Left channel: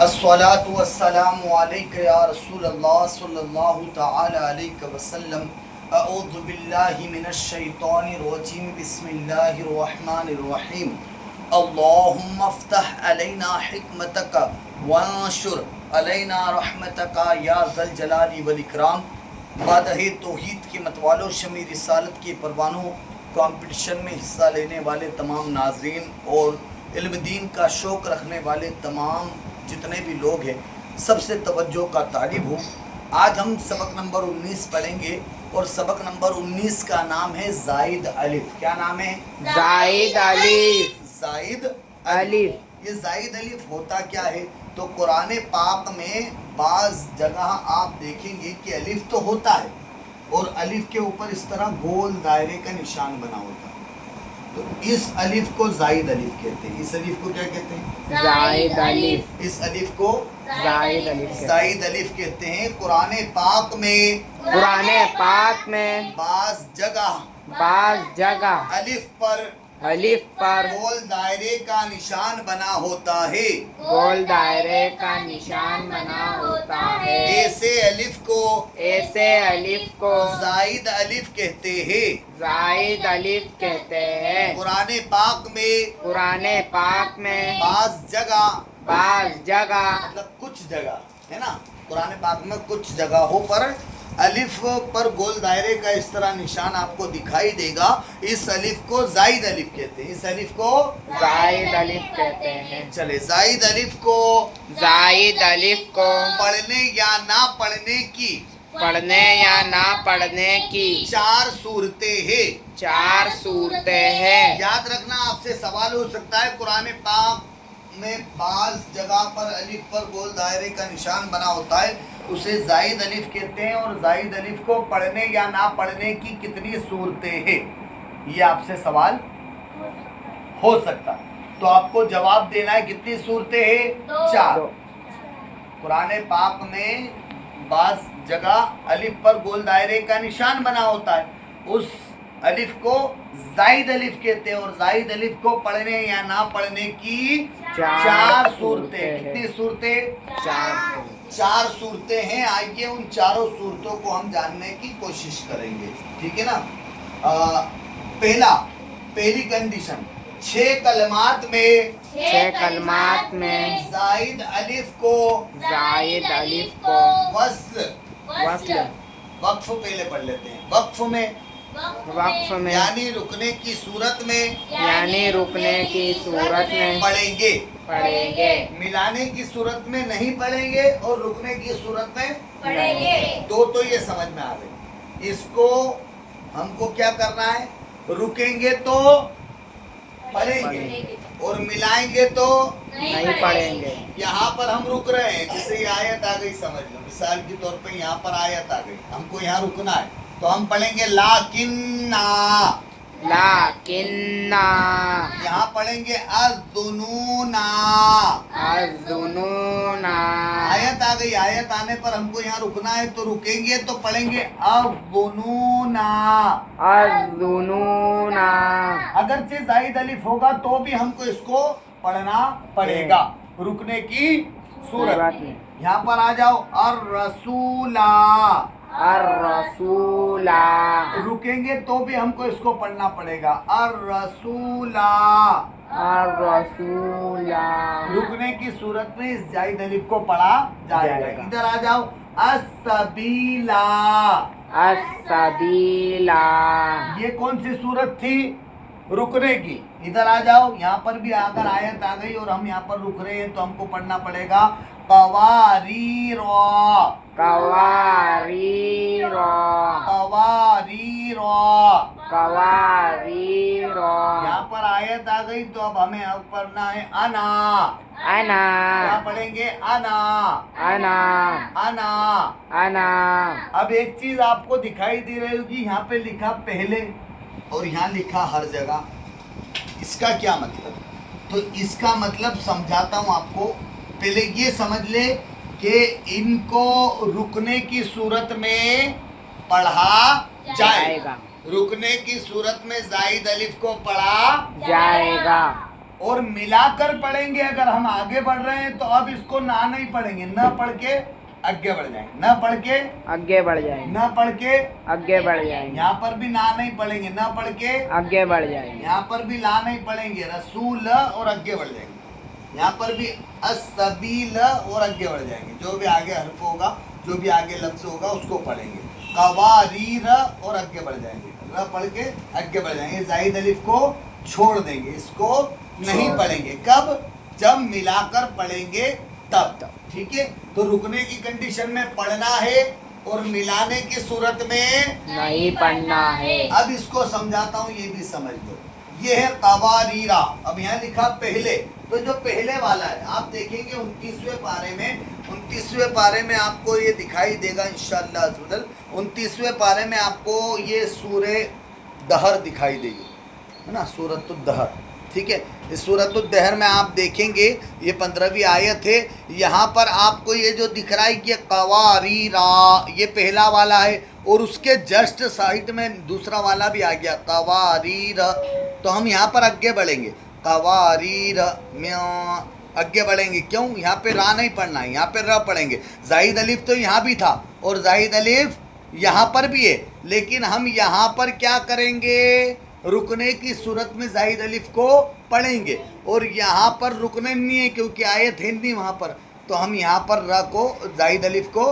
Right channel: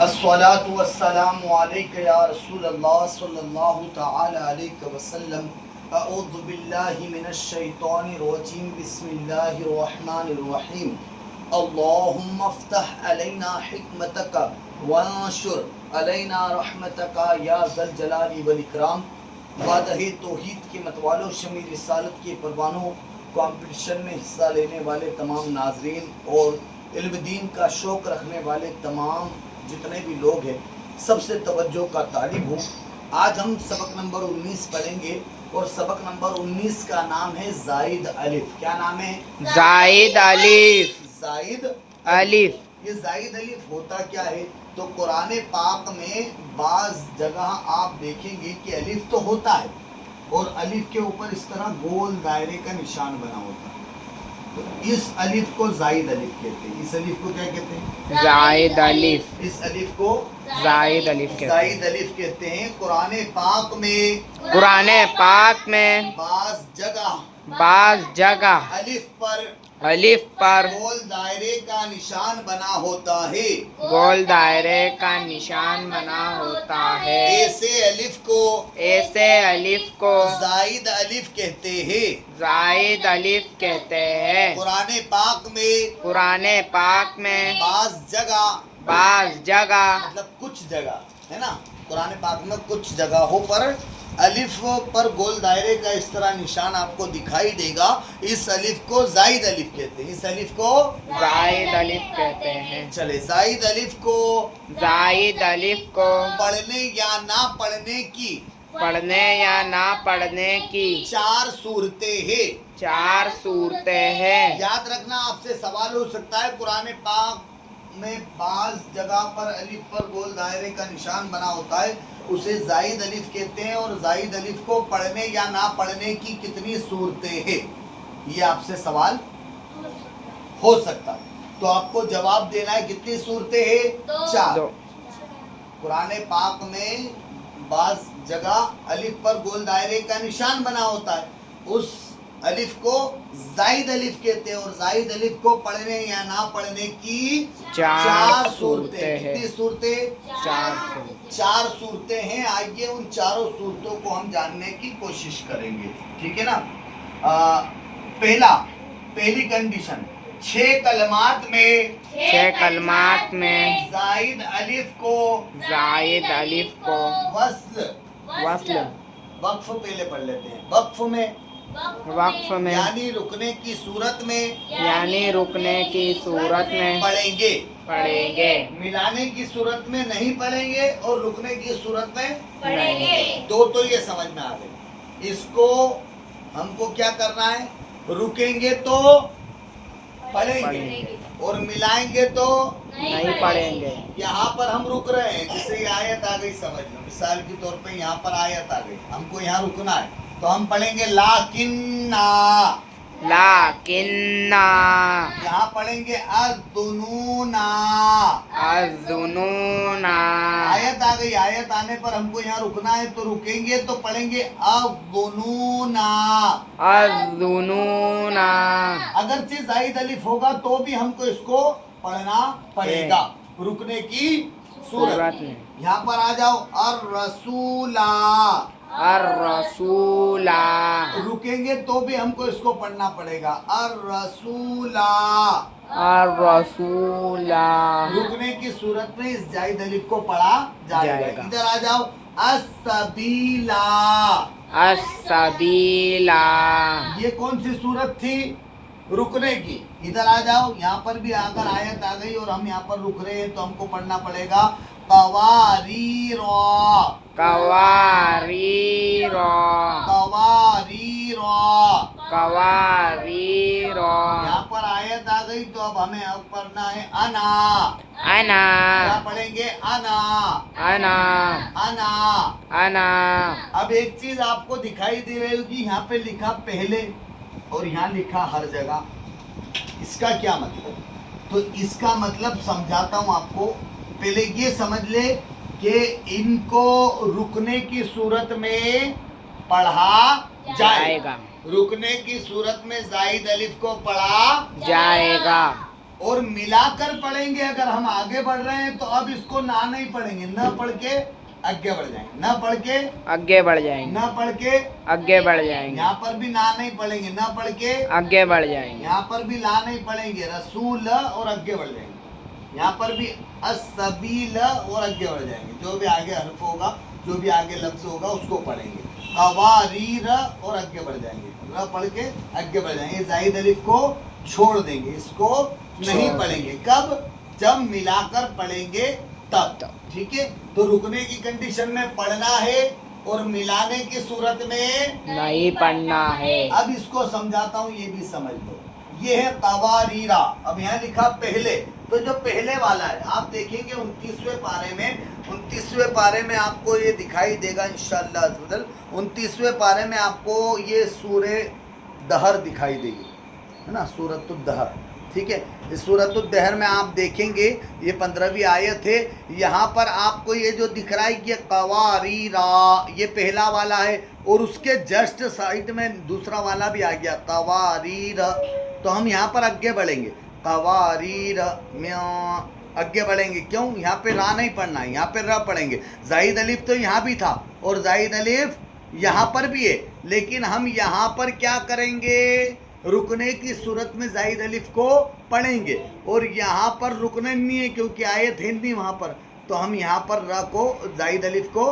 الصلاة والسلام عليك يا رسول الله صلى الله تعالى عليك وسلم. اعوذ بالله من الشيطان الرجيم. بسم الله الرحمن الرحيم. اللهم افتح علينا حكمتك وانشر علينا رحمتك يا ذا الجلال والاکرام. بادہ توحید کے متوالوں، شمع رسالت کے پروانوں، کمپٹیشن میں حصہ لینے والے تمام ناظرین اور علم دین کا شوق رکھنے والے تمام جتنے بھی لوگ ہیں، سب سے توجہ کا طالب ہوں. آج ہم سبق نمبر 19 پڑھیں گے اور سبق نمبر 19 کا نام ہے زائد الف. کیا نام ہے؟ زائد الف. زائد الف. یہ زائد الف ہوتا کیا ہے؟ تو قرآن پاک میں بعض جگہ آپ دیکھیں گے کہ الف تو ہوتا ہے اور الف کے اوپر اس طرح گول دائرے کا نشان بنا ہوتا ہے. تو اس الف کو زائد الف کہتے ہیں. اس الف کو کیا کہتے ہیں؟ زائد الف. اس الف کو زائد الف زائد الف کہتے ہیں. قرآن پاک میں قرآن پاک میں بعض جگہ الف پر پر گول دائرے کا نشان بنا ہوتا ہے. گول دائرے کا نشان بنا ہوتا ہے. ایسے الف کو زائد الف کہتے ہیں. زائد الف کہتے ہیں. قرآن پاک میں بعض جگہ مطلب کچھ جگہ ہے نا، قرآن پاک میں کچھ جگہوں پر الف پر گول دائرے کا اس طرح نشان آپ کو دکھائی دے گا. اس الف کو زائد الف کہتے ہیں. اس الف کو زائد الف کہتے ہیں. چلے زائد الف کو پڑھنے یا نہ پڑھنے کی چار صورتیں ہیں. یاد رکھنا، آپ سے سوال ہو سکتا ہے قرآن پاک میں بعض جگہ پر الف پر گول دائرے کا نشان بنا ہوتا ہے، اسے زائد الف کہتے ہیں. اور زائد الف کو پڑھنے یا نہ پڑھنے کی کتنی صورتیں ہیں، یہ آپ سے سوال ہو سکتا ہے. تو آپ کو جواب دینا ہے کتنی صورتیں ہیں؟ 4. قرآن پاک میں بعض جگہ الف پر گول دائرے کا نشان بنا ہوتا ہے، اس الف کو زائد الف کہتے ہیں. اور زائد الف کو پڑھنے یا نہ پڑھنے کی 4 صورتیں. کتنی صورتیں؟ 4 صورتیں ہیں. آئیے ان چاروں صورتوں کو ہم جاننے کی کوشش کریں گے. ٹھیک ہے نا؟ پہلی کنڈیشن، 6 کلمات میں زائد الف کو وصل وقف پہلے پڑھ لیتے ہیں. وقف میں یعنی رکنے کی صورت میں پڑھیں گے. ملانے کی صورت میں نہیں پڑھیں گے اور رکنے کی صورت میں پڑھیں گے. تو یہ سمجھ میں آ گئی. اس کو ہم کو کیا کرنا ہے؟ رکیں گے تو پڑھیں گے اور ملائیں گے تو نہیں پڑھیں گے. یہاں پر ہم رک رہے ہیں، جس سے یہ آیت آ گئی، سمجھ لو مثال کے طور پہ یہاں پر آیت آ گئی، ہم کو یہاں رکنا ہے تو ہم پڑھیں گے لاکننا. یہاں پڑھیں گے الظنونا. آیت آ گئی، آیت آنے پر ہم کو یہاں رکنا ہے تو رکیں گے تو پڑھیں گے الظنونا. اگرچہ زائد الف ہوگا تو بھی ہم کو اس کو پڑھنا پڑے گا رکنے کی صورت. یہاں پر آ جاؤ الرسولہ. رکیں گے تو بھی ہم کو اس کو پڑھنا پڑے گا الرسولہ. رکنے کی صورت میں اس زائد الف کو پڑھا جائے گا. ادھر آ جاؤ السبیلا. یہ کون سی صورت تھی؟ رکنے کی. ادھر آ جاؤ، یہاں پر بھی اگر آیت آ گئی اور ہم یہاں پر رک رہے ہیں تو ہم کو پڑھنا پڑے گا قواریر. یہاں پر آیت آ گئی تو اب ہمیں اب پڑھنا ہے انا. کیا پڑھیں گے؟ انا. اب ایک چیز آپ کو دکھائی دے رہی ہوگی، یہاں پہ لکھا پہلے اور یہاں لکھا ہر جگہ. اس کا کیا مطلب؟ تو اس کا مطلب سمجھاتا ہوں آپ کو. پہلے یہ سمجھ لے کہ ان کو رکنے کی صورت میں پڑھا جائے گا. رکنے کی صورت میں زائد الف کو پڑھا جائے گا. और मिलाकर पढ़ेंगे। अगर हम आगे बढ़ रहे हैं तो अब इसको ना नहीं पढ़ेंगे, न पढ़ के आगे बढ़ जाएंगे, न पढ़ के आगे बढ़ जाएंगे, न पढ़ के आगे बढ़ जाएंगे, यहाँ पर भी ना नहीं पढ़ेंगे, न पढ़ के आगे बढ़ जाएंगे, यहाँ पर भी ला नहीं पढ़ेंगे, रसूल और आगे बढ़ जाएंगे। यहाँ पर भी असबील और आगे बढ़ जाएंगे। जो भी आगे हर्फ होगा, जो भी आगे लफ्ज होगा उसको पढ़ेंगे। कवारीर और आगे बढ़ जाएंगे, र पढ़ के आगे बढ़ जाएंगे। जाहिद अलिफ को छोड़ देंगे, इसको नहीं पढ़ेंगे। कब? जब मिलाकर पढ़ेंगे तब। ठीक है, तो रुकने की कंडीशन में पढ़ना है और मिलाने की सूरत में नहीं पढ़ना है। अब इसको समझाता हूँ, ये भी समझ लो। ये है कवारीरा। अब यहाँ लिखा पहले, तो जो पहले वाला है आप देखेंगे 29वें पारे में, 29वें पारे में आपको ये दिखाई देगा इंशाअल्लाह अज़्ज़वजल। 29वें पारे में आपको ये सूरे दहर दिखाई देगी, है ना, सूरत दहर। ठीक है, इस सूरत दहर में आप देखेंगे ये 15वीं आयत है। यहाँ पर आपको ये जो दिख रहा है कि कवारीरा, ये पहला वाला है और उसके जस्ट साइड में दूसरा वाला भी आ गया कवारीर। तो हम यहाँ पर आगे बढ़ेंगे, कवारीर में आगे बढ़ेंगे। क्यों? यहाँ पे रा नहीं पढ़ना है, यहाँ पे र पढ़ेंगे। जाहिद अलिफ तो यहाँ भी था और जाहिद अलिफ यहाँ पर भी है, लेकिन हम यहाँ पर क्या करेंगे? रुकने की सूरत में जाहिद अलिफ को पढ़ेंगे और यहाँ पर रुकने नहीं है क्योंकि आयत है नहीं वहाँ पर। तो हम यहाँ पर र को, जाहिद अलिफ को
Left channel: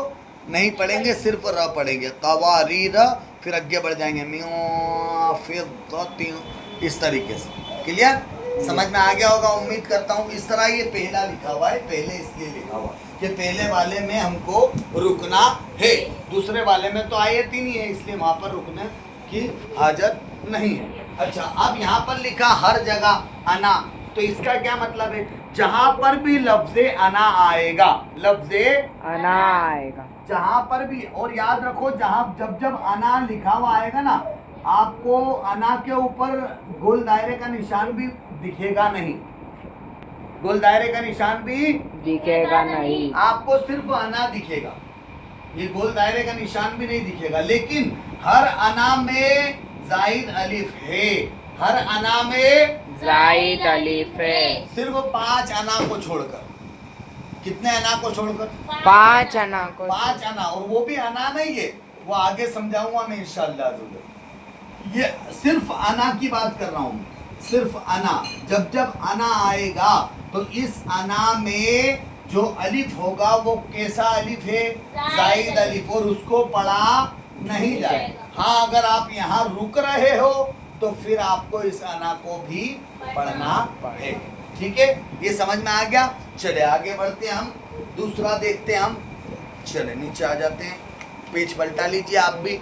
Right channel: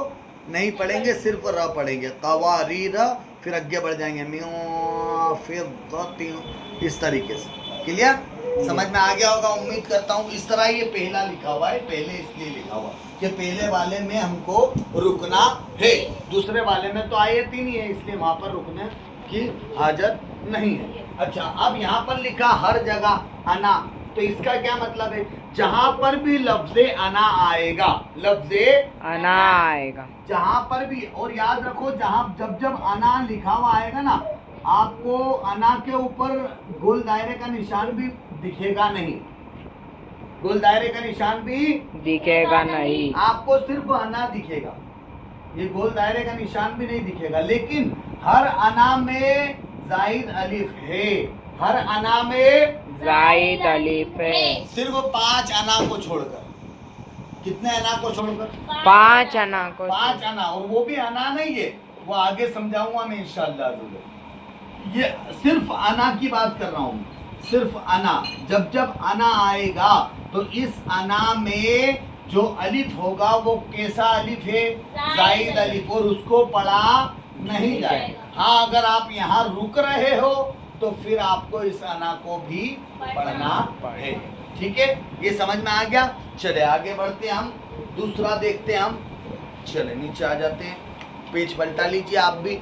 नहीं पढ़ेंगे, सिर्फ र पढ़ेंगे। कवारीर, फिर आगे बढ़ जाएंगे मियां, फिर इस तरीके से। क्लियर? समझ में आ गया होगा उम्मीद करता हूँ। इस तरह ये पहला लिखा हुआ है, पहले इसलिए लिखा हुआ कि पहले वाले में हमको रुकना है, दूसरे वाले में तो आयत ही नहीं है, इसलिए वहाँ पर रुकने की हाजत नहीं है। अच्छा, अब यहाँ पर लिखा हर जगह अना, तो इसका क्या मतलब है? जहाँ पर भी लफ्ज़े अना आएगा, लफ्ज़े अना आएगा, जहाँ पर भी, और याद रखो जहाँ जब जब अना लिखा हुआ आएगा ना, आपको अना के ऊपर गोल दायरे का निशान भी दिखेगा नहीं, गोल दायरे का निशान भी दिखेगा नहीं, आपको सिर्फ अना दिखेगा, ये गोल दायरे का निशान भी नहीं दिखेगा। लेकिन हर अना में जाहिद अलिफ है, हर अना में जाहिद अलिफ है, सिर्फ 5 अना को छोड़कर। कितने अना को छोड़कर? 5 अना को, 5 अना, और वो भी अना नहीं है, वो आगे समझाऊंगा मैं इंशाअल्लाह। ये सिर्फ अना की बात कर रहा हूँ, सिर्फ अना। जब जब अना आएगा तो इस अना में जो अलिफ होगा वो कैसा अलिफ है? जाहिद अलिफ, और उसको पढ़ा नहीं जाएगा। हाँ, अगर आप यहाँ रुक रहे हो तो फिर आपको इस अना को भी पढ़ना है। ठीक है, ये समझ में आ गया। चले आगे बढ़ते हैं, हम दूसरा देखते हैं। हम चले नीचे आ जाते हैं, पेज पलटा लीजिए आप भी।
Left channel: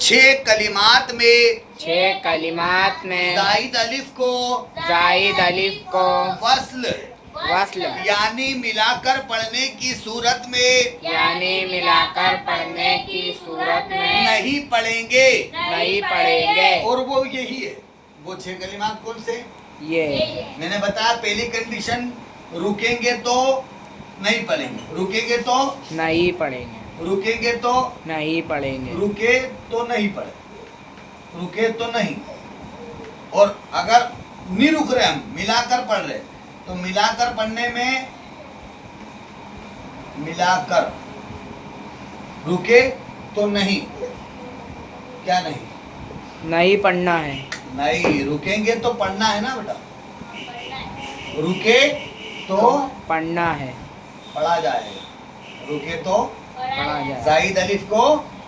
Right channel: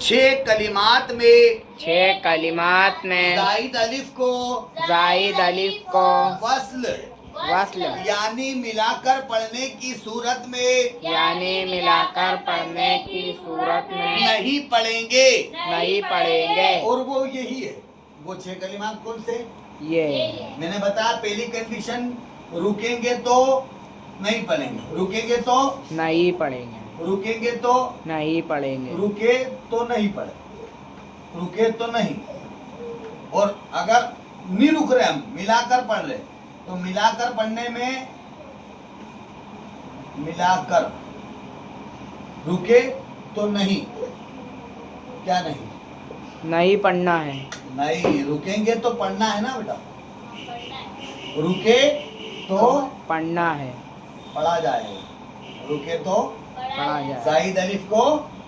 6 कलिमात में, 6 कलिमात में जाहिद अलिफ को, जाहिद अलिफ को वस्ल वस्ल यानी मिलाकर पढ़ने की सूरत में, यानी मिलाकर पढ़ने की सूरत में नहीं पढ़ेंगे, नहीं पढ़ेंगे। और वो यही है, वो 6 कलिमात कौन से? ये मैंने बताया पहली कंडीशन, रुकेंगे तो नहीं पढ़ेंगे, रुकेंगे तो नहीं पढ़ेंगे, रुकेंगे तो नहीं पढ़ेंगे, रुके तो नहीं पढ़े, रुके तो नहीं। और अगर नहीं रुक रहे, हम मिलाकर पढ़ रहे, तो मिलाकर पढ़ने में, मिलाकर, रुके तो नहीं, क्या नहीं? नहीं पढ़ना है, नहीं, रुकेंगे तो पढ़ना है ना बेटा, रुके तो पढ़ना है, पढ़ा जाएगा, रुके तो पढ़ा जाए, जाहिद अलिफ को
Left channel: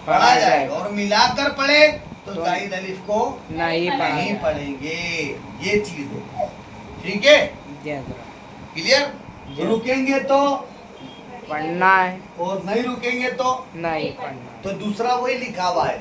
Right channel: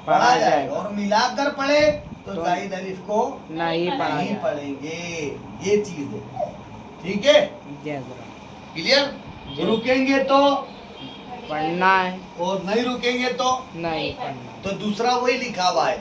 पढ़ा जाएगा, और मिलाकर पढ़े तो जाहिद अलिफ को नहीं पढ़ा नहीं जाए। पढ़ेंगे। ये चीज है, ठीक है, क्लियर? रुकेंगे तो पढ़ना है और नहीं रुकेंगे तो नहीं पढ़ना। तो दूसरा वही लिखा हुआ है।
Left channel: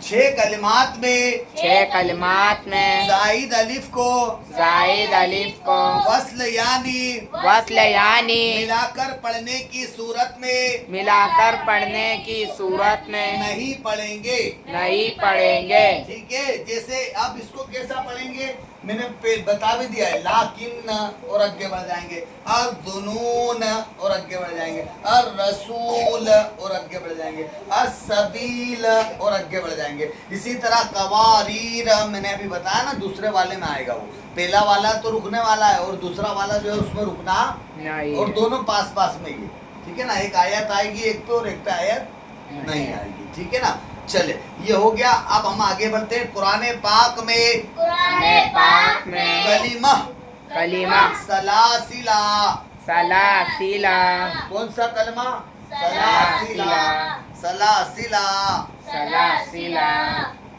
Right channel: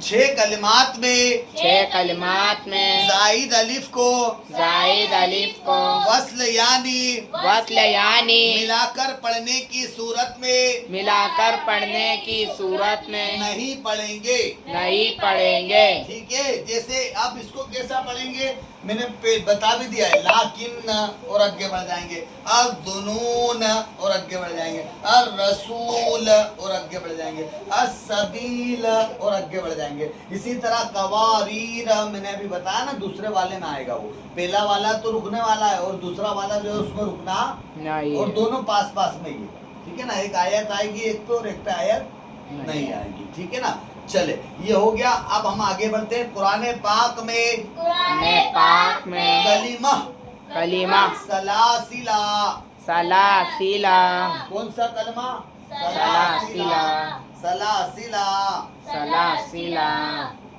6 कलिमात में, 6 कलिमात में जाहिद अलिफ को, जाहिद अलिफ को वस्ल यानी वस्ल यानी मिलाकर पढ़ने की सूरत में मिलाकर पढ़ने की सूरत में नहीं पढ़ेंगे, नहीं पढ़ेंगे। ठीक है। जैसे अब इसको कैसा पढ़ेंगे मैंने बता भी दिया है, लाकिन और आगे बढ़ जाएंगे, अर दुनून और आगे बढ़ जाएंगे, अर रसूल और आगे बढ़ जाएंगे, अर सबील और आगे बढ़ जाएंगे। इसी तरह कवारीर मैंने अभी बताया ना, दूसरे वाले में आएगा वो। पहला वाला तो रुकने वाला है और दूसरा वाला जो है उसमें रुकना नहीं और है। दोनों पास पास में ही, ठीक है ना। एक आयत आएगी एक पे और एक पे आयत नहीं आएगी, ठीक है ना। चले, ये हो गया। अब हम आगे बढ़ते हैं। कुरान पाक में पाक में कलीमा कलीमा सलासिला, सलासिला कौन सा कलमा? सलासिला सलासिला, सलासिला।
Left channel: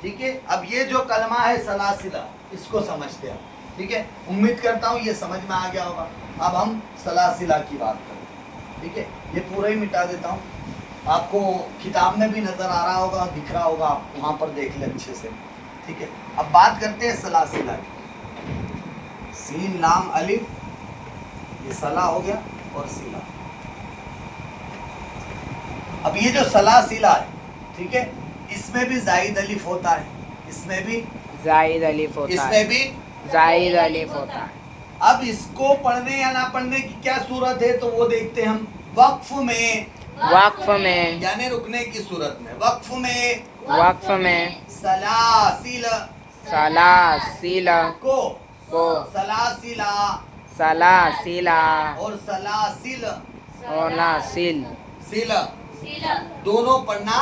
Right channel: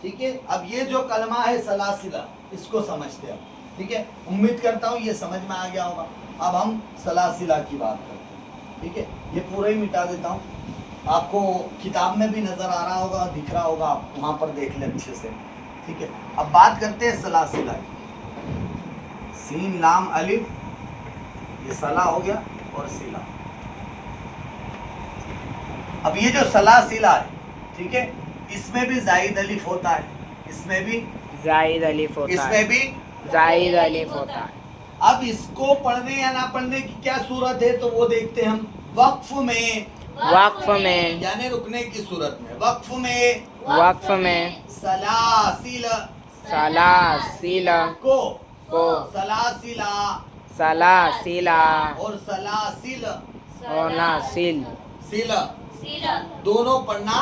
ठीक है। अब ये जो कलमा है सलासिला, इसको समझते हैं, ठीक है। उम्मीद करता हूँ ये समझ में आ गया होगा। अब हम सलासिला की बात करते हैं, ठीक है। ये पूरा ही मिटा देता हूँ, आपको किताब में भी नजर आ रहा होगा, दिख रहा होगा, आप वहाँ पर देख लें अच्छे से, ठीक है। अब बात करते हैं सलासिला की। सीन लाम अलिफ, ये सला हो गया और सिला। अब ये जो सलासिला है, ठीक है, इसमें भी जाइद अलिफ होता है, इसमें भी जायद अलिफ होता इसमें है, भी। जायद अलिफ होता है। अब इसको पढ़ने या ना पढ़ने की क्या सूरत है, तो वो देखते हैं हम। वक्फ में, वक्फ में, यानी रुकने की सूरत में, वक्फ में वक्फ में सलासिल सलासिला को को सलासिला सलासिला और सलासिल और नासिल सिल दोनों पढ़ना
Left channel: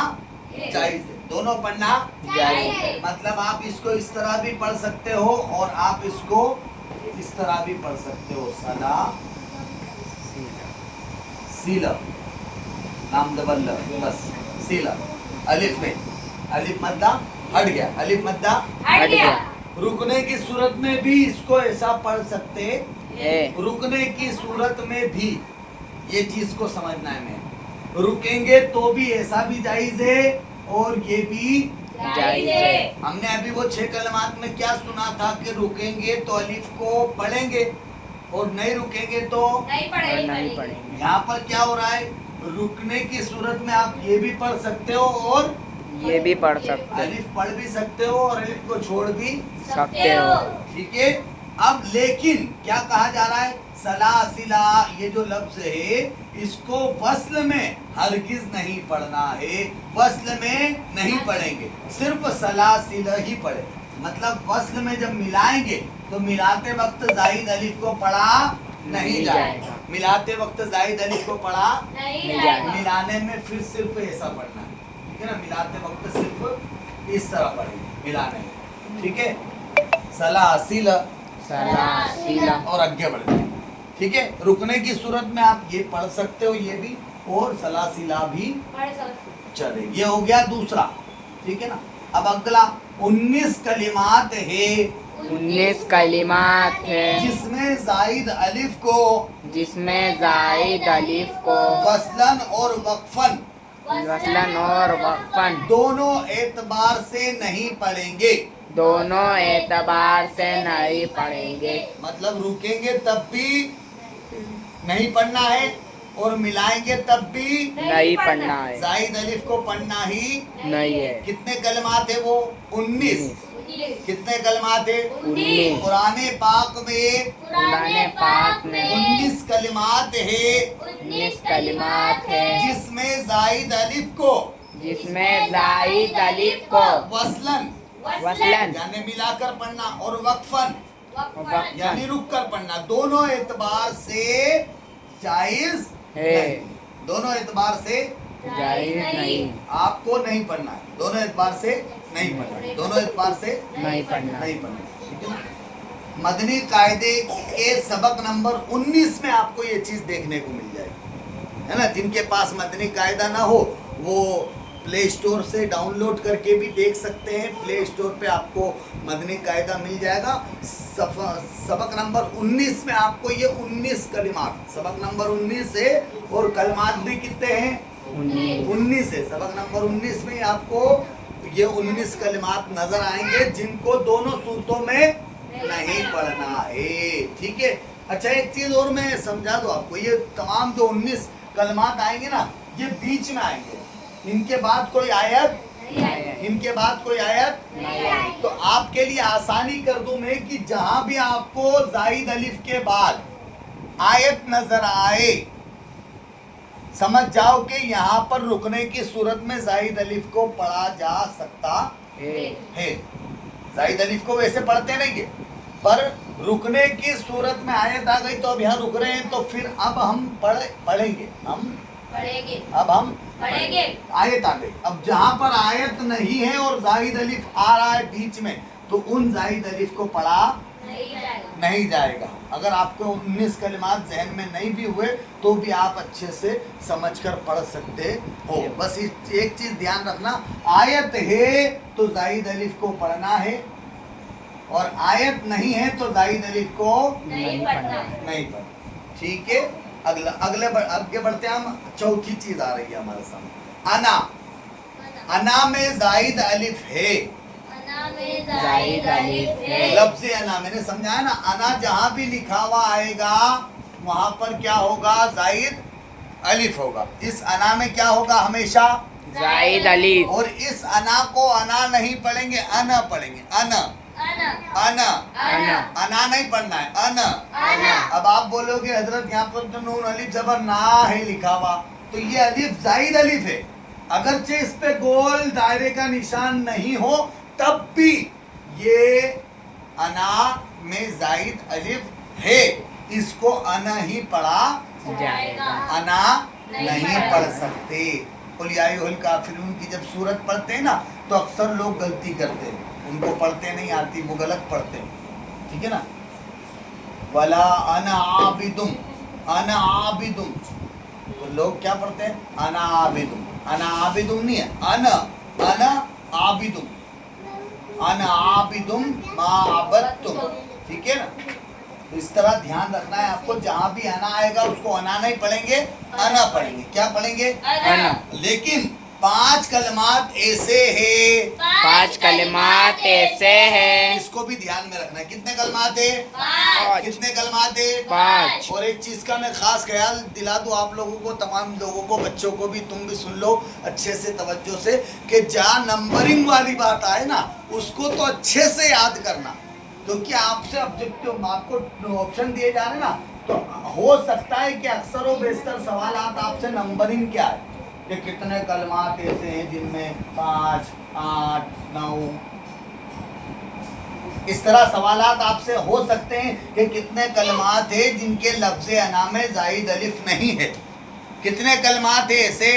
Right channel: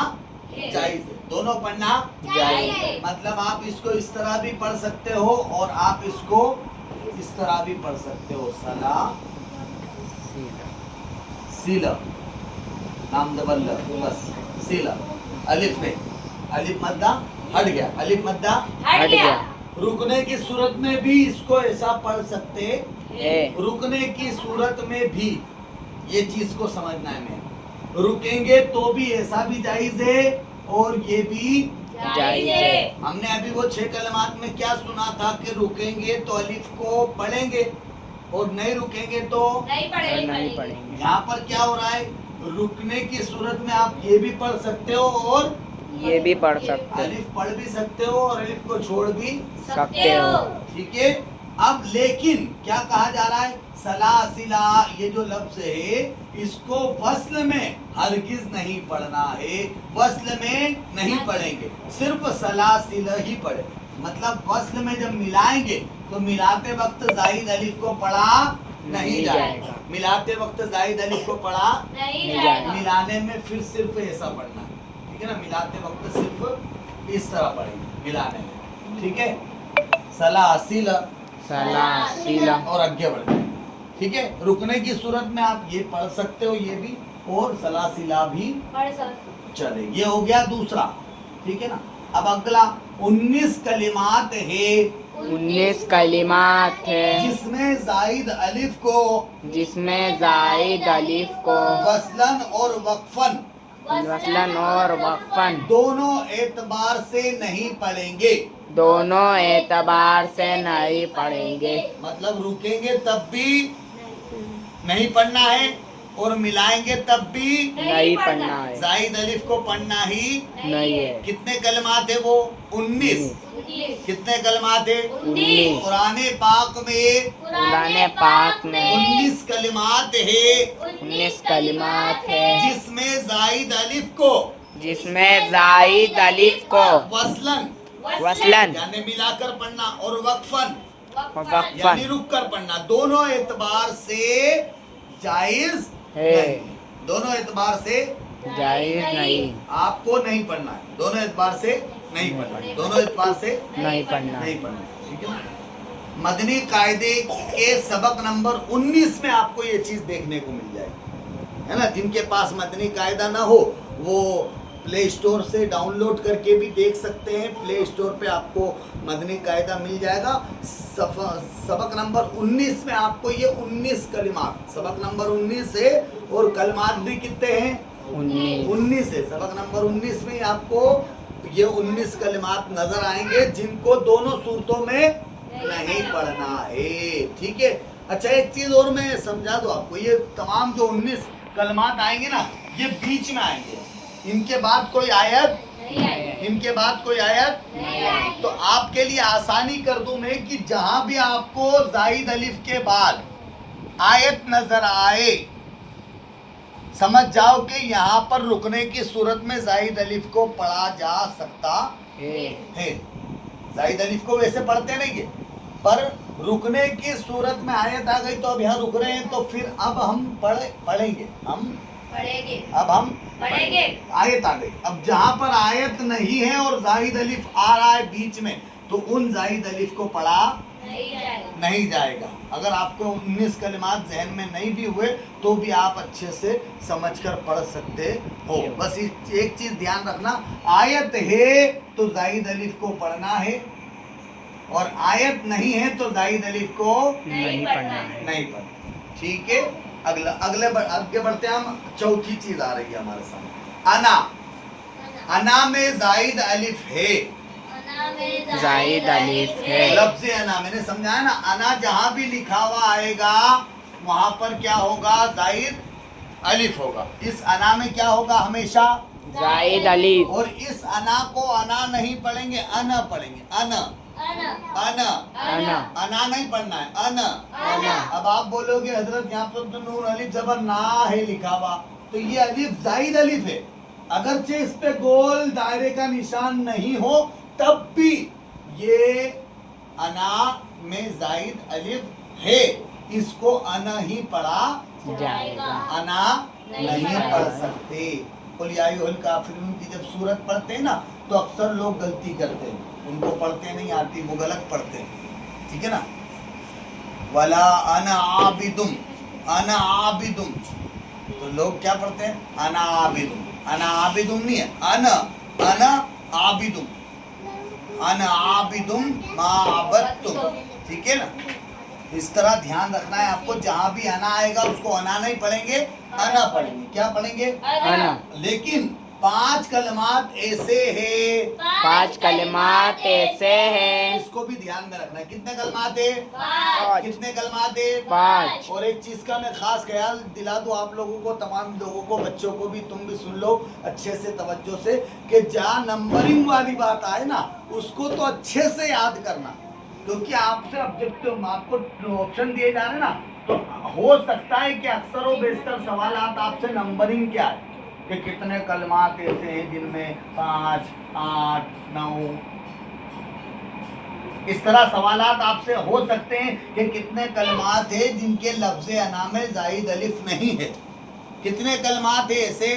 जायज है, दोनों पढ़ना जायज है। मतलब आप इसको इस तरह भी पढ़ सकते हो और आप इसको इस तरह भी पढ़ सकते हो। सला सीला, नाम दबल बस सीला। अलिफ में अलिफ मद्दा हट गया, अलिफ मद्दा हट गया रुकने की सूरत में भी इसको ऐसा पढ़ सकते, है। रुकने की सूरत में भी ये चीज को समझना है। मैं रुकेंगे तो भी ऐसा भी जायज है और ये भी जायज है। हमने अभी वो 6 कलमात में क्या सुना था कि रुकेंगे तो अलिफ को पढ़ेंगे और नहीं रुकेंगे तो नहीं पढ़ेंगे। यहाँ पर क्या हो रहा है, रुकने की सूरत में आप ये भी पढ़ सकते हो और ये भी पढ़ सकते अलिफ पढ़ भी सकते हो और अलिफ को छोड़ भी, सकते हो। ठीक है। अब लेकिन क्या कहा जा रहा है, सलासिला ये जो लफ्ज है इसको वस्ल में हरगिज नहीं पढ़ना है, वस्ल में नहीं पढ़ेंगे, सिर्फ सलासिल ही पढ़े। मतलब वस्ल में जब मिलाएंगे तो मिलाते वक्त जाहिद अलिफ को पढ़ा नहीं जाएगा, मिलाते वक्त जाहिद अलिफ को पढ़ा नहीं जाएगा। मिलाने में फिर सिर्फ ऐसा पढ़ना है, ठीक है ना। मिलाते वक्त सिर्फ इस तरह पढ़ेंगे मिलाने में, ठीक है। सलासिल सलासिला और आगे बढ़ जाए, ठीक है। रुकने की सूरत में आप ये पढ़ सकते हो, ये भी और सलासिला भी चले। ये हो गया दूसरा, ठीक है ना। अब अगला 19 कलिमात है 19 कलिमात है जिसमें जायद अलिफ को जिसमें जायद अलिफ को वस्लन और वक्फन वस्लन और वक्फन दोनों एतबार से नहीं पढ़ेंगे। दोनों एतबार से नहीं पढ़ेंगे। मतलब रुकेंगे तब भी नहीं पढ़ना है और मिलाएंगे तब भी नहीं पढ़ना है, जायद अलिफ को पढ़ना ही नहीं है। कितने कलमात है वो 19। कितने कलमात है 19। कुरान पाक में कुरान पाक में 19 कलिमात है 19 कलिमात है जिसमें जायद अलिफ को जिसमें जायद अलिफ को वस्लन वस्लन यानी मिलाकर पढ़ना और वक्फन यानी वक्फन रुक कर पढ़ना, दोनों एतबार से जायज है। नहीं, दोनों एतबार से जायज नहीं आपको नहीं पढ़ना है, दोनों एतबार से नहीं पढ़ना है, दोनों एतबार से नहीं पढ़ना। नहीं पढ़ना है, ठीक है। मदनी कायदे के सबक नंबर 19 में आपको ये चीज देखने को मिल जाएगी, है ना। जिनके पास मदनी कायदा ना हो वो प्ले स्टोर से डाउनलोड करके भी देख सकते हैं। प्ले स्टोर पे आपको मदनी कायदा मिल जाएगा। सबक नंबर 19 में आपको ये 19 कलिमात, सबक नंबर 19 है और कलिमात भी कितने हैं 19 है। सबक नंबर 19 में आपको ये 19 कलिमात नजर आएंगे जिनको दोनों सूरतों में नहीं पढ़ना है, ठीक है। अच्छा एक चीज और मैं समझा दूं आपको, ये तमाम जो 19 कलिमात आएंगे ना ये बीच में आएंगे, इनके बाद कोई आयत इनके बाद कोई आयत तो आपके लिए आसानी कर दूं मैं कि जहां भी आपको जायद अलिफ के बाद आयत नजर आए समझ जाओ कि यहाँ पर रुकने की सूरत में जायद अलिफ को पढ़ा जा सकता है। जायद अलिफ को वैसे पढ़ते नहीं है, पर रुकने की सूरत में आयत आ गई तो अब यहाँ रुक रहे हैं, तो फिर अब हम पढ़ेंगे आयत आ गई। अब जहाँ पर आयत नहीं है और जायद अलिफ आ रहा है बीच में, तो उन जायद अलिफ को पढ़ा नहीं जाएगा। अगर आपको 19 कलिमात जहन में नहीं भी हुए तो भी आप अच्छे से समझकर पढ़ सकते हो। बस एक चीज ध्यान रखना, आयत है तो जायद अलिफ को पढ़ना है, और आयत नहीं है तो जायद अलिफ को नहीं पढ़ना है। नहीं पढ़ना। ठीक है, आगे बढ़ते हैं हम। चौथी चीज आ रही है हमारे सामने, अना। अना में जायद अलिफ है, जायद अलिफ है। लफ्ज़ अना मैंने समझाया ना, अना जहां भी लिखा हुआ आएगा वहां पर क्या होगा, जायद अलिफ होगा। इस अना में क्या होगा, हमेशा जायद अलिफ। और इस अना को अना नहीं पढ़ेंगे, अना पढ़ेंगे। अना नहीं पढ़ना है, अना। अब आप बोलोगे हजरत यहाँ पर तो नून अलिफ जबर ना है लिखा हुआ, तो ये अलिफ जायद अलिफ है। अगरचे इस पे गोल दायरे का निशान नहीं हो तब भी ये अना में जायद अलिफ है, इसको अना ही पढ़ा जाएगा, अना नहीं पढ़ सकते। कुल या अय्युहल काफिरून की जब सूरत पढ़ते हैं ना तो अक्सर लोग गलती करते हैं, उनको पढ़ते नहीं आती, वो गलत पढ़ते हैं। ठीक है ना, वला अना आबिदुम, अना आबिदुम, तो लोग क्या पढ़ते हैं, अना आबिदुम। अना आबिदुम नहीं है, अना आबिदुम, अना आबिदुम मा अबदतुम। ठीक है ना, तो इस तरह ध्यान रखना है आपको, जहां भी अना आएगा उसको अना नहीं पढ़ेंगे, अना पढ़ेंगे। क्या पढ़ेंगे, अना। लेकिन 5 कलमात ऐसे हैं, 5 कलिमात ऐसे हैं। इसको भी ध्यान में रखना है। कितने कलमात है, 5। कितने कलमात है, 5। और एक चीज का मैं खास ख्याल दिला दूं आप लोगों को, तमाम लोगों को, बच्चों को भी, तुम भी सुन लो अच्छे से तवज्जो से, कि जहाँ नंबरिंग वाली बात आए ना उसको तो अच्छे से याद करना, क्योंकि आपसे ऑब्जेक्टिव आपको ऑप्शन दिए जा रहे हैं ना, तो हो सकता है कि अक्सर व बेशतर सवाल आपसे नंबरिंग क्या है, कि कितने कलमात ऐसे हैं जिनमें 5, 8, 9, इस तरह सवालात आपसे हो सकते हैं कि कितने कलमात हैं जिनके लफ्ज़ अना में जायद अलिफ नहीं है। कितने कलमात हैं ऐसे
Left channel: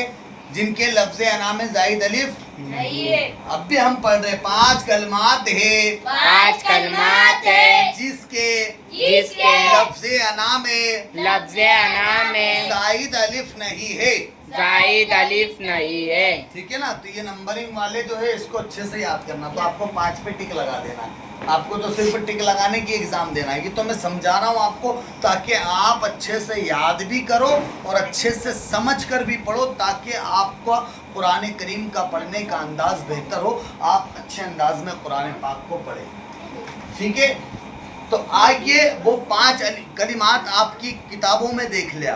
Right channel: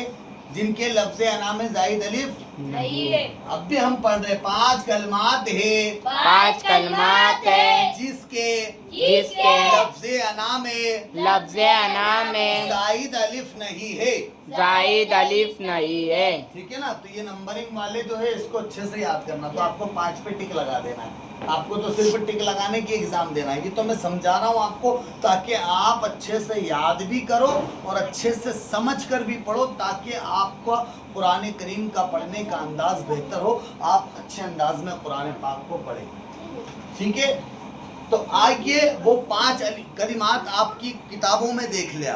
जिनके लफ्ज़ अना में जायद अलिफ नहीं है। अब भी हम पढ़ रहे 5 कलमात है, 5 कलमात है जिसके लफ्ज़ अना में जायद अलिफ नहीं है, जायद अलिफ नहीं है। ठीक है ना। तो ये नंबरिंग वाले जो है इसको अच्छे से याद करना, तो आपको 5 पे टिक लगा देना है, आपको तो सिर्फ टिक लगाने की एग्जाम देना है। ये तो मैं समझा रहा हूँ आपको ताकि आप अच्छे से याद भी करो और अच्छे से समझ कर भी पढ़ो, ताकि आपका कुरान करीम का पढ़ने का अंदाज बेहतर हो, आप अच्छे अंदाज में कुरान पाक को पढ़ें। ठीक है, तो आइए वो 5 कलिमात आपकी किताबों में देख ले।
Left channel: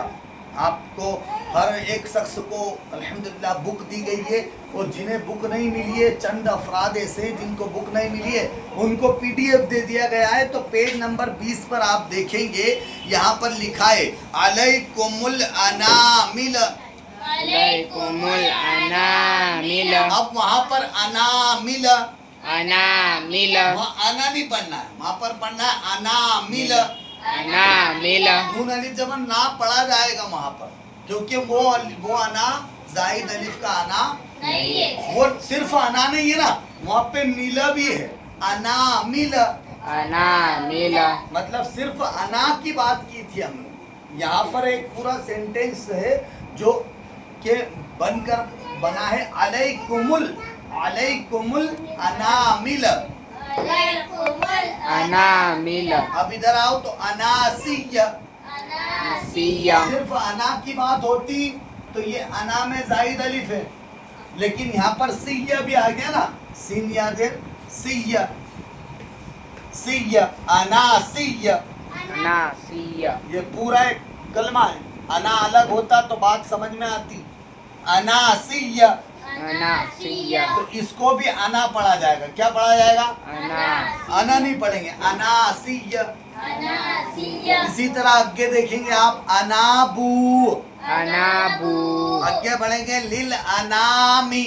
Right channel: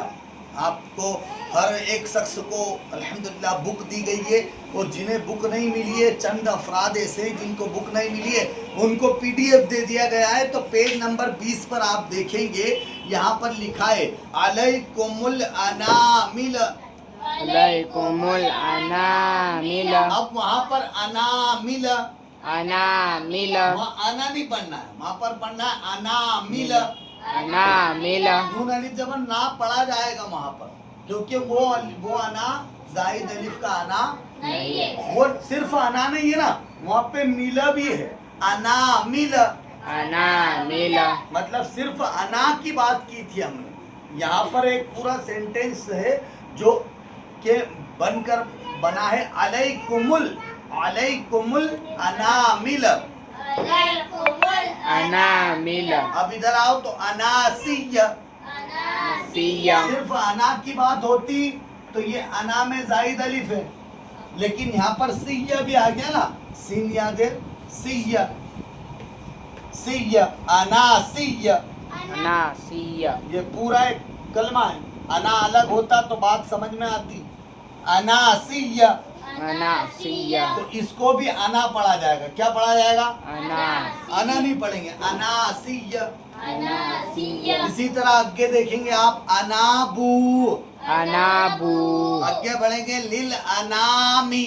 आपको हर एक शख्स को अल्हम्दुलिल्लाह बुक दी गई है, और जिन्हें बुक नहीं मिली है, चंद अफराद ऐसे जिनको बुक नहीं मिली है, उनको PDF दे दिया गया है। तो पेज नंबर 20 पर आप देखेंगे, यहाँ पर लिखा है अलैकुमुल अनामिल, अलैकुमुल अनामिल। अब वहाँ पर अनामिल, अनामिल, वहाँ अना नहीं पढ़ना है, वहाँ पर पढ़ना है अनामिल। अनामिल। नून अलिफ जबर ना पढ़ा जाएगा वहाँ पर, क्योंकि वो अना जायद अलिफ का अना नहीं है। वो सिर्फ अना नहीं है ना, वहाँ पे मिला भी है, अना मिला, अनामिल। मतलब सिर्फ अना की बात की थी हमने। यहाँ पर एक पूरा सेंटेंस है जो के बनकर बना है अलैकुमुल, अलैकुमुल अनामिल। अनामिल। अब इधर आओ तो अनासिया, सिया। सिर्फ अना की बात होती तो ये अना में जायद अलिफ है, लेकिन यहाँ पर सिया भी आ गया ना, सीन याद है, सिया, सिया, अनासिया, अनासिया। ये पूरा एक कलमा है। अना अलग होता तो बात समझ में आती, अनासिया, अनासिया। तो इसको भी अना पढ़ा जाएगा। क्या पढ़ा जाएगा, अना। अना नहीं पढ़ेंगे, अनासिया। अनासिया। इसी तरह आगे देखेंगे आप, अनाबू, अनाबू आगे बढ़ेंगे लिल अनामी,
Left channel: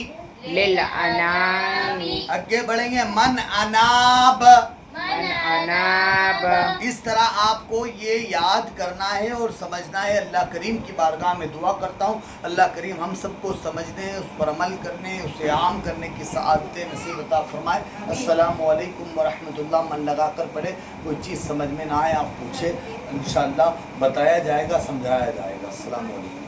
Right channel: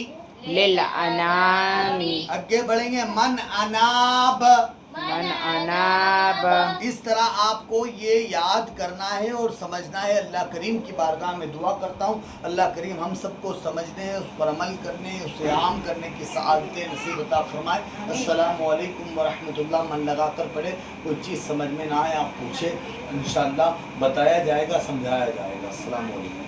लिल अनामी आगे बढ़ेंगे मन अनाब। मन अनाब। इस तरह आपको ये याद करना है और समझना है। अल्लाह करीम की बारगाह में दुआ करता हूँ अल्लाह करीम हम सबको समझने, उस पर अमल करने, उसे आम करने की सआदतें नसीब अता फरमाए। अस्सलामु अलैकुम व रहमतुल्लाह। मन लगा कर पढ़े, कोई चीज़ समझ में ना आए आप पूछे, इंशाअल्लाह बताया जाएगा, समझाया जाएगा। अस्सलामु अलैकुम।